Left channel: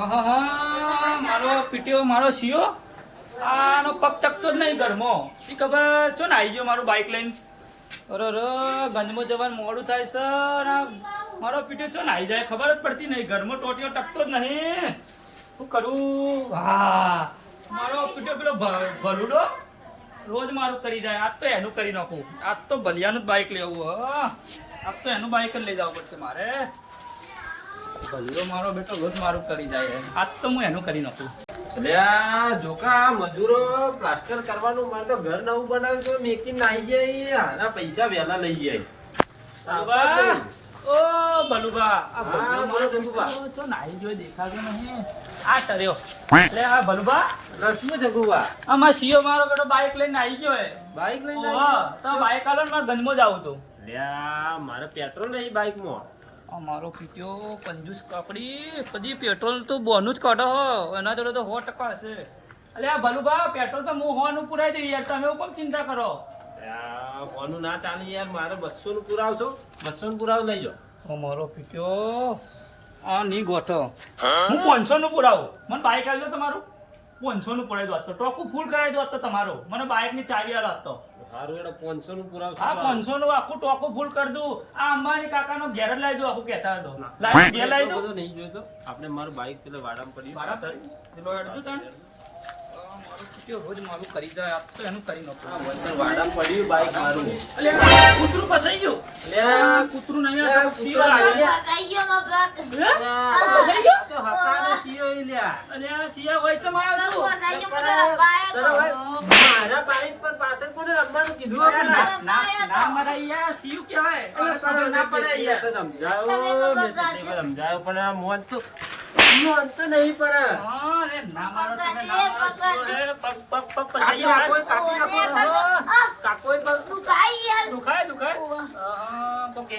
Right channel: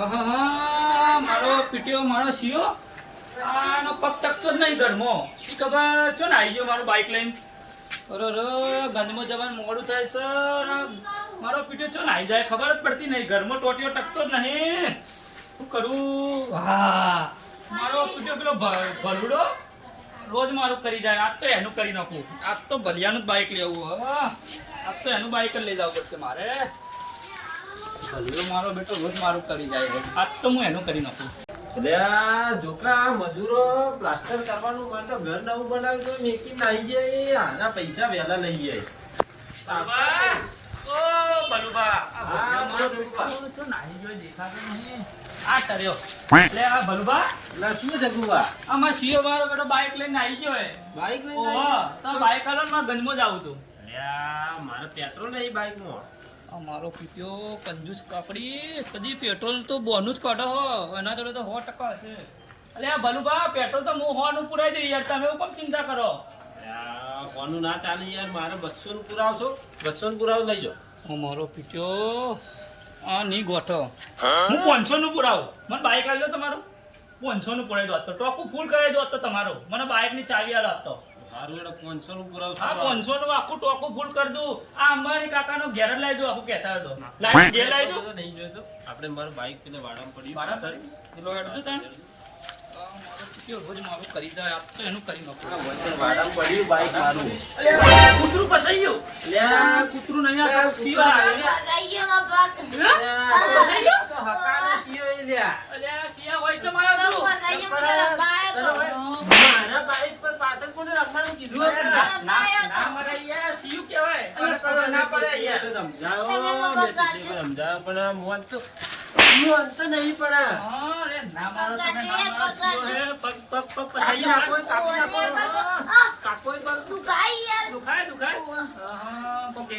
મારો પીટીઓ, મારો સીઓ. આનો પગ ટકતો જ નહીં ઘરમાં. શી ખબર? છો ને આવી ગયો મારું બાઇક લઈને. અરે રે ગંજમાં જવાનું મોડું થાય છે. મારો પીટીઓ છો ને આવી જાય, ખબર જ પડતી નહીં. ઘરમાં ટોટીઓ ટકતો જ નહીં. શું કરું? હા. મારો પીટીઓ પેલો ભલુડો, રોજ મારું કરી જાય. આજ તો એનું કરી નાખું. આજ તો ભલિયાનું જ બાઇક લેવું આજ તો એનું બાઇક જ લઈ જવું પડશે મારે. ભલુડો મારો બેટો રોજ મારું કરી જાય આજ તો હું એનું કરી નાખું. અલ્યા જોકા મજૂરો પ્લાસ્ટર કરવાનું મારે તો ઘર નવું બનાવ્યું તો મેકી નાઈ જાય આના પૈસા વહેલા લઈ જાય. બલુબા, ઓ બલુબા, આ મારો ગયો દેખાતો નહીં. આ આ એટલે શું આમાં શિયો મારો બેટો બાઇક લઈને આવી ગયો હે. બાઈક લઈને તો બાઇક આલો ને ગંજમાં જાવું તું. અલ્યા મારે પેટ્રોલ નહીં બાઈકમાં આ મારો પીટ્યો કંજૂસ કાપડી કદી પેટ્રોલ તો બોનું જ કાઢો હો. એના જોડે તો સો ટકા હશે. અલે આ ભલુબા પેટ્રોલ તો હું હોવાનું પુરાઈ દઉં યાર. તમે કેમ ચિંતા કરો? હોનું ના ચાલે યાર. મારે બસો નું પુરાવશો. બસો નું પુરાવ લઈ જાઓ. અમારો મારો પીટ્યો આ નહીં ગોઠો. હું પાંચસો નું પુરાવું. મને બાઇક આવી દો તમારું. પાંચસો નું પુરાઈ દો તો. ટોકું ફૂલ કરાવી દો તો તમારું. મને બાઇકની ચાવી આલો આજ તો એટલે પાંચસો નું પુરાવશો હા પાંચસો નું આખું ટોકું ફૂલ કરી દઉં. આ અંબાણી કાકાનો ઘેર જ લાવી દઉં આખું કહેતા હતો ઘેર દઉં. આપણે મારું બાઈક પેલા વાડામાં પડ્યું ભાડા સર પેલો હેડજો તાણ. રોજ મારું કરી જાય આપ તો એનું કરી નાખું. વાડામાં પડ્યું બાઈક મારું. કૂતરું ફસાઈ ગયું? અલ્યા, કૂતરું નહીં આ આવે. ગયો? તો હકાનો શિયો ઈ લ્યા. અલે, આ સિંહ હોય તો મારે તું. મારા બાઈક પર પાછળ કોને રમવાનું કીધું આપણે? ના, ના મરાય યાર, સિંહ કહેવાય. અને ખબર ના પડે યાર. સમજાવો મે કેટલી વાર પણ મોન તો મોન તો નહીં પડે હા, અરે, ના મારો તમે ના મારો પગ, પગ, પગ એ દુખાય, દુખાય? હા,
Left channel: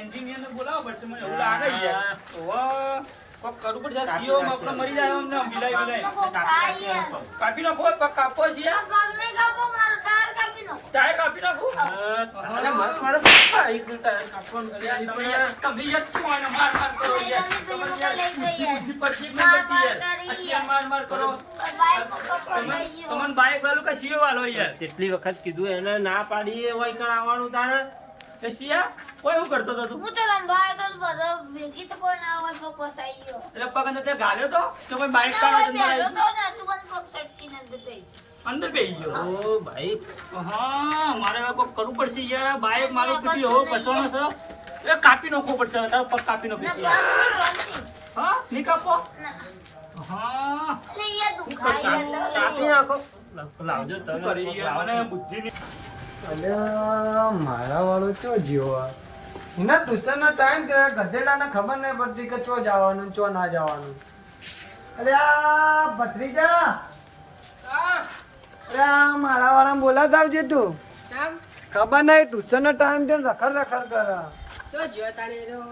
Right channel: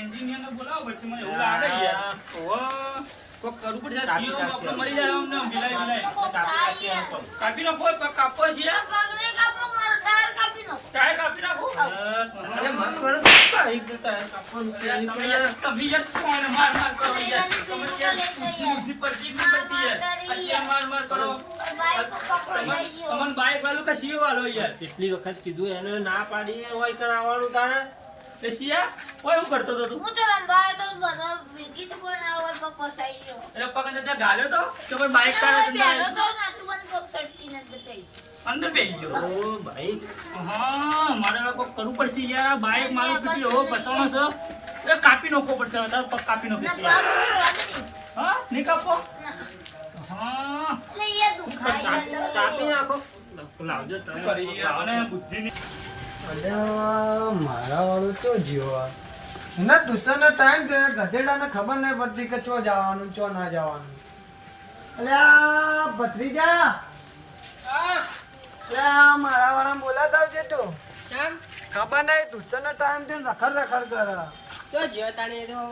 engineer ને બોલાવો પડશે, મને એવું લાગે છે યાર. ઓહો, કોક કરવું પડશે. આ સિંહો મરી જાય અમને મિલાય મિલાય. કાપી નાખો પગ કાપો છે. ટાયર કાપી નાખો. અરે મારું મારું બાઈકનું ટાયર કાપવાનું અરે, નહીં તમે યાર તમે યાર કોઈને માર માર કરો યાર? તમે યાર બુદ્ધિ પરથી નહીં યાર. આ માર માર કરો. તમને તમને બાઈક વાળું કે સીઓ વાળો યાર? કેટલી વખત કીધું એને ના પાડી હોય કણ આવવાનું તારે. એ કોઈ એવું કરતો તું? હું તો રંભાયો તો બધો ભેગી તો કોઈ ના હોય પગ ફસાઈ ગયો. એટલે પગ અંદર ગાલ્યો તો? ભાઈ બાઈક કાઢો અંદર તો ને તું મને પગ સટકીને અંદર થઈ અંદર બેસી ગયો? ઓ ભાઈ. હા મારે હવે કોક કરવું પડશે યાર. આ બાઈક મારું પીટી હો બસવાનો છે. એ કાપી નાખવો પડશે હવે તારો પગ કાપી નાખીશ યાર હા નહીં કાપો? હા. તો કાપી નાખો. લાવજો મને બુદ્ધિ ની અલ્યા મારા વાળો ચો જીવો? એના ટ્યુશનનો ટાઈમ થયો ગધેડાને ખબર નહીં પડતી કે ચો જવાનું ચો ના જવાનું. અલ્યા ભત્રીજા? અલ્યા મારા વાળા બોલાતા આવજે તું. ખબર નહીં ટ્યુશનનો ટાઈમ થયો ને રખડ રખડ કરે.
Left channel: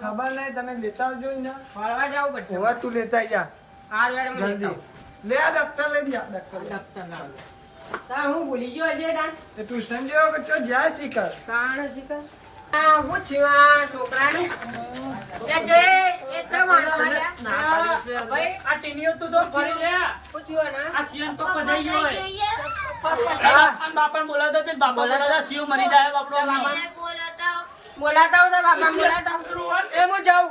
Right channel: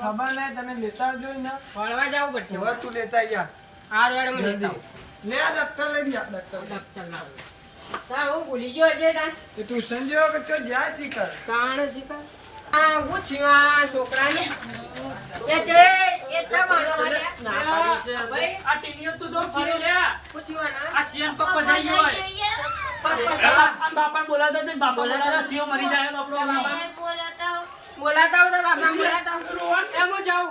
ખબર નહીં તમે લેતા આવજો ને હવે તું લેતા જા લે આ દફતર લઈ જા દફતર હું ભૂલી ગયો છે તાન તે ટ્યુશન જેવો બચ્ચો જાય શીખર કાણ શીખર આ હું થયું આ છોકરાનું? એ જે એ તમારો હાલ્યા ના ભાઈ. આ ટીનીઓ તું દો ફરી લે. પૂછ્યો થયું આ સીએમ પર ફસાઈ ગયો હોય. બાપા હતો ને બાપા બોલાતા શિવ મરી જાય બાપડો. બોલાતા બોલાતા બાપા બોલાતા એ હું જાઉં.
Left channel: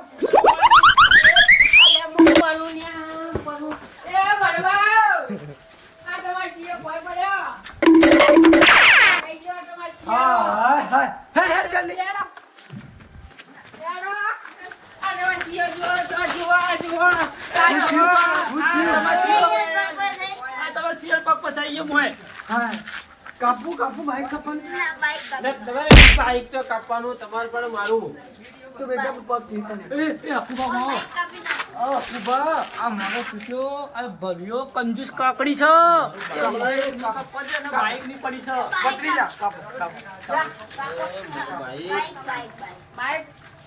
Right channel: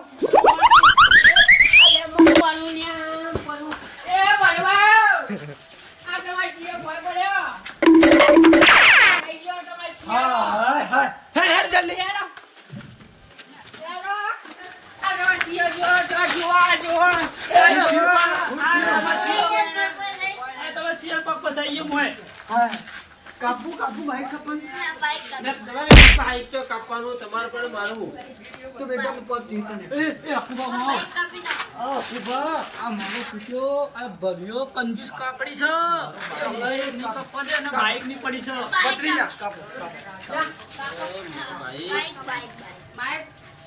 કપન ના બાઈક ને તમારે બાઈક ચો કાપવાનું તમારે પણ મારું તો બેટા પગ જીતા ને એ એ અકુબા માવો બાઈક આ મારો પીટ્યો આ ભર્યો કંજૂસ કાકડી છે ની પપ્પા છે અને બાઈકની પડી છે પકડી કાપો. કાપો બાઈક બાઈક બાઈક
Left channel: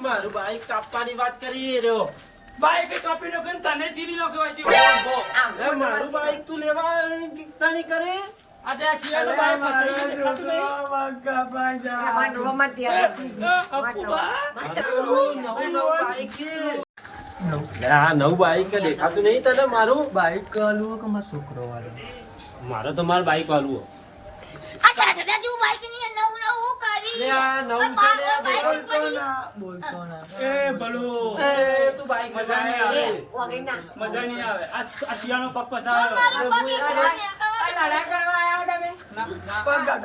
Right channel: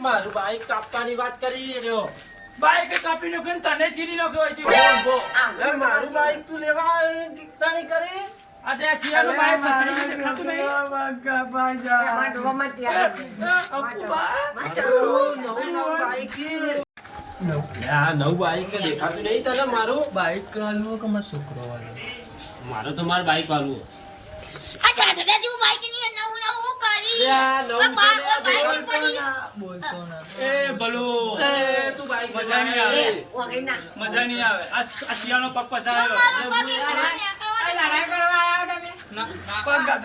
મારું બાઈક કાપવાની વાત કરી રહ્યો બાઈક કાપી નાખ્યો તને ચીરી નાખ્યો હોય. મારું બાઈક તું લેવા કરી બાઈક નવું બાઈક દેખાતું નહીં તને મારું? બાઈક હાલવો કે મારો છોકરો વાળો મારે તો મારો બાઈક વાળવું આ જાજડા જેવું બાઈકની નવું નવું કરી. લે, આ નવું આ બા- આ બાઈકની બોલતો પડી. ના બોલતો ના. એ ભલું. લે, તું બાઈક મજા નહીં આવે. આવે. મજા નહીં આવે. આ આ શિયાળનો પગ ફસાયો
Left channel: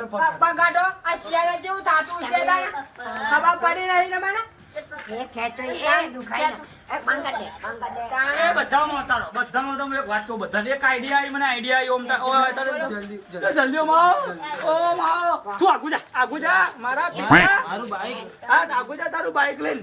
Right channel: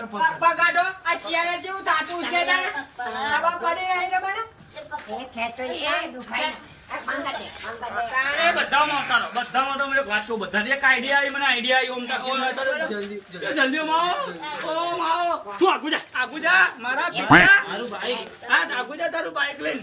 પગ. પગાડો આ શિયાળા જેવું થાતું છે ખબર પડી રહી તમારે? તારું- બાઈક બાઈક લઈને.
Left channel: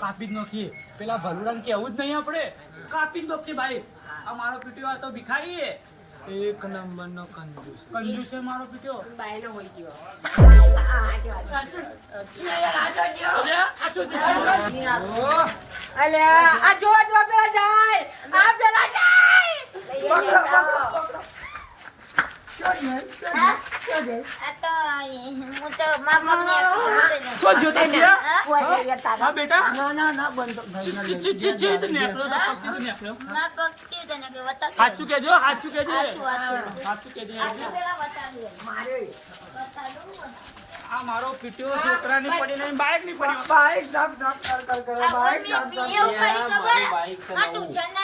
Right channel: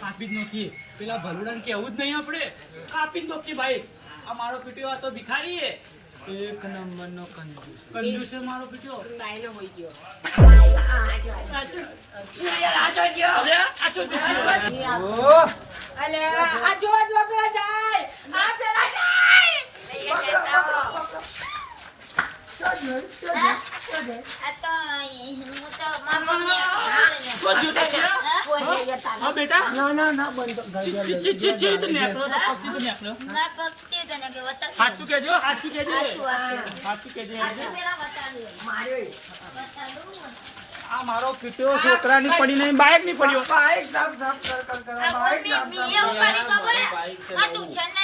કાપી જ નાખીએ. પેલા ભલુડા કેવું જ નહીં આપણે. કાપી જ નાખીએ ભાઈ. આ મારો પીટી તો ભિખારી એક નંબર નો કંજૂસ. કંજૂસ છે મારો પીટીઓ બાયનો હોય ગયો. આ અલે આ જો જો પેલા જાય. આ પેલા જાય. હા? આ તો હું તો મારા? હા બેટા ના પડી નહીં બાઈકની પડ્યો બાઈક સાફ સાફ કર કર કર બાઈક મમ્મી સાફ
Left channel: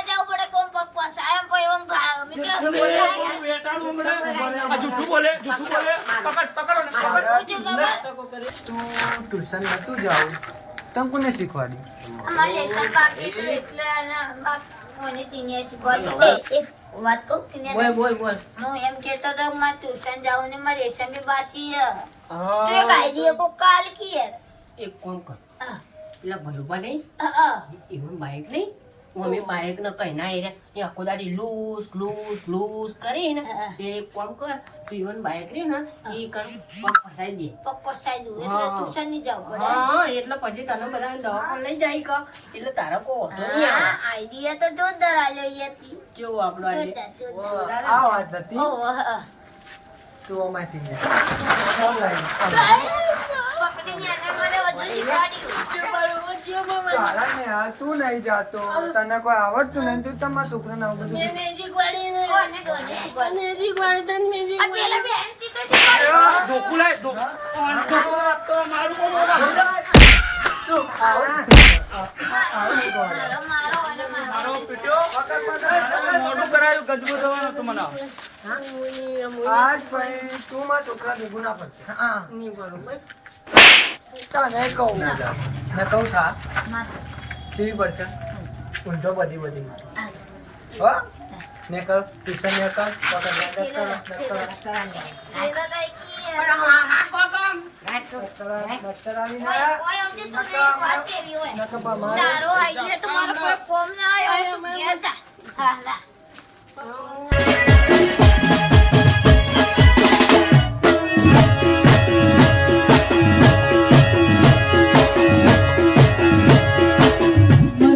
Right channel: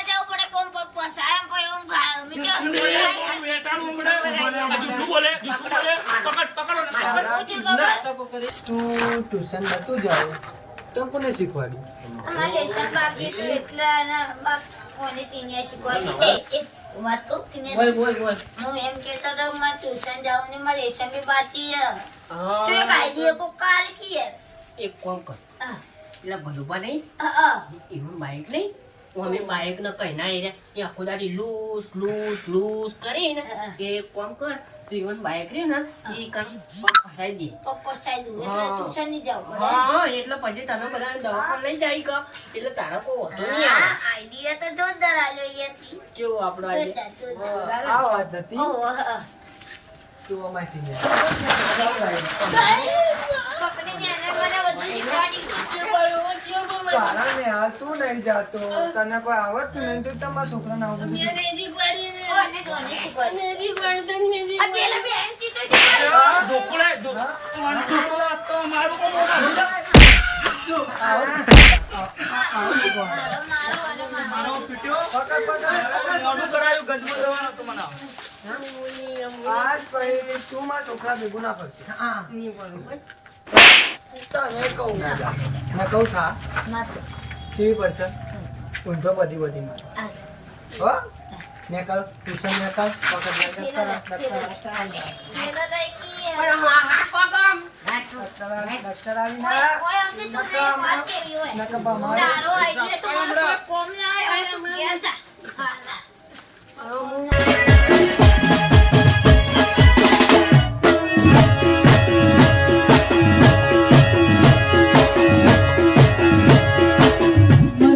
ટ્યુશન નતું જાવ તમ કોને શીખવાડી એટલે હું એમ કહેતો તો કે મારે ટ્યુશન જાઉં ને મારે લેસન બી બાકી છે. તો એક કોક કાલ કી. એક કોમ કર હા, પેલા ભલુબા નહીં હા, હા. એવું બાઈક નહીં અમે બાઈક ને કઈ ના એ આખો દાડી લૂસ લૂસ લૂસ કરે ને એ એક કામ કર તું ઇવન બાઈક રે ને એ કર પગ ફસાઈ દે. કોક ફસાઈ દે. ટ્યુશનની જાવ હા એટલે પછી તને બધા દવાખાને લઈ જાય કા એટલે તારો કો ઓટો નહીં આવે. idea તો જોરદાર આલ્યો યતી કેવો આપણો આજે જોરદાર, જોરદાર. આ વાત હતી ઓહો. તું અમાથી ને તું નહીં જાતો તને કોઈ આવડતું નહીં તું તમારા છોકરાને આવડતું આજ છોકરા ભેગું ના પડશે હા. નહીં તને કહું ના કહું થા. કેવી પડશે? ઊંધો બધી બધી આ, હો. ને કર ટ્યુશન ને કર તો તો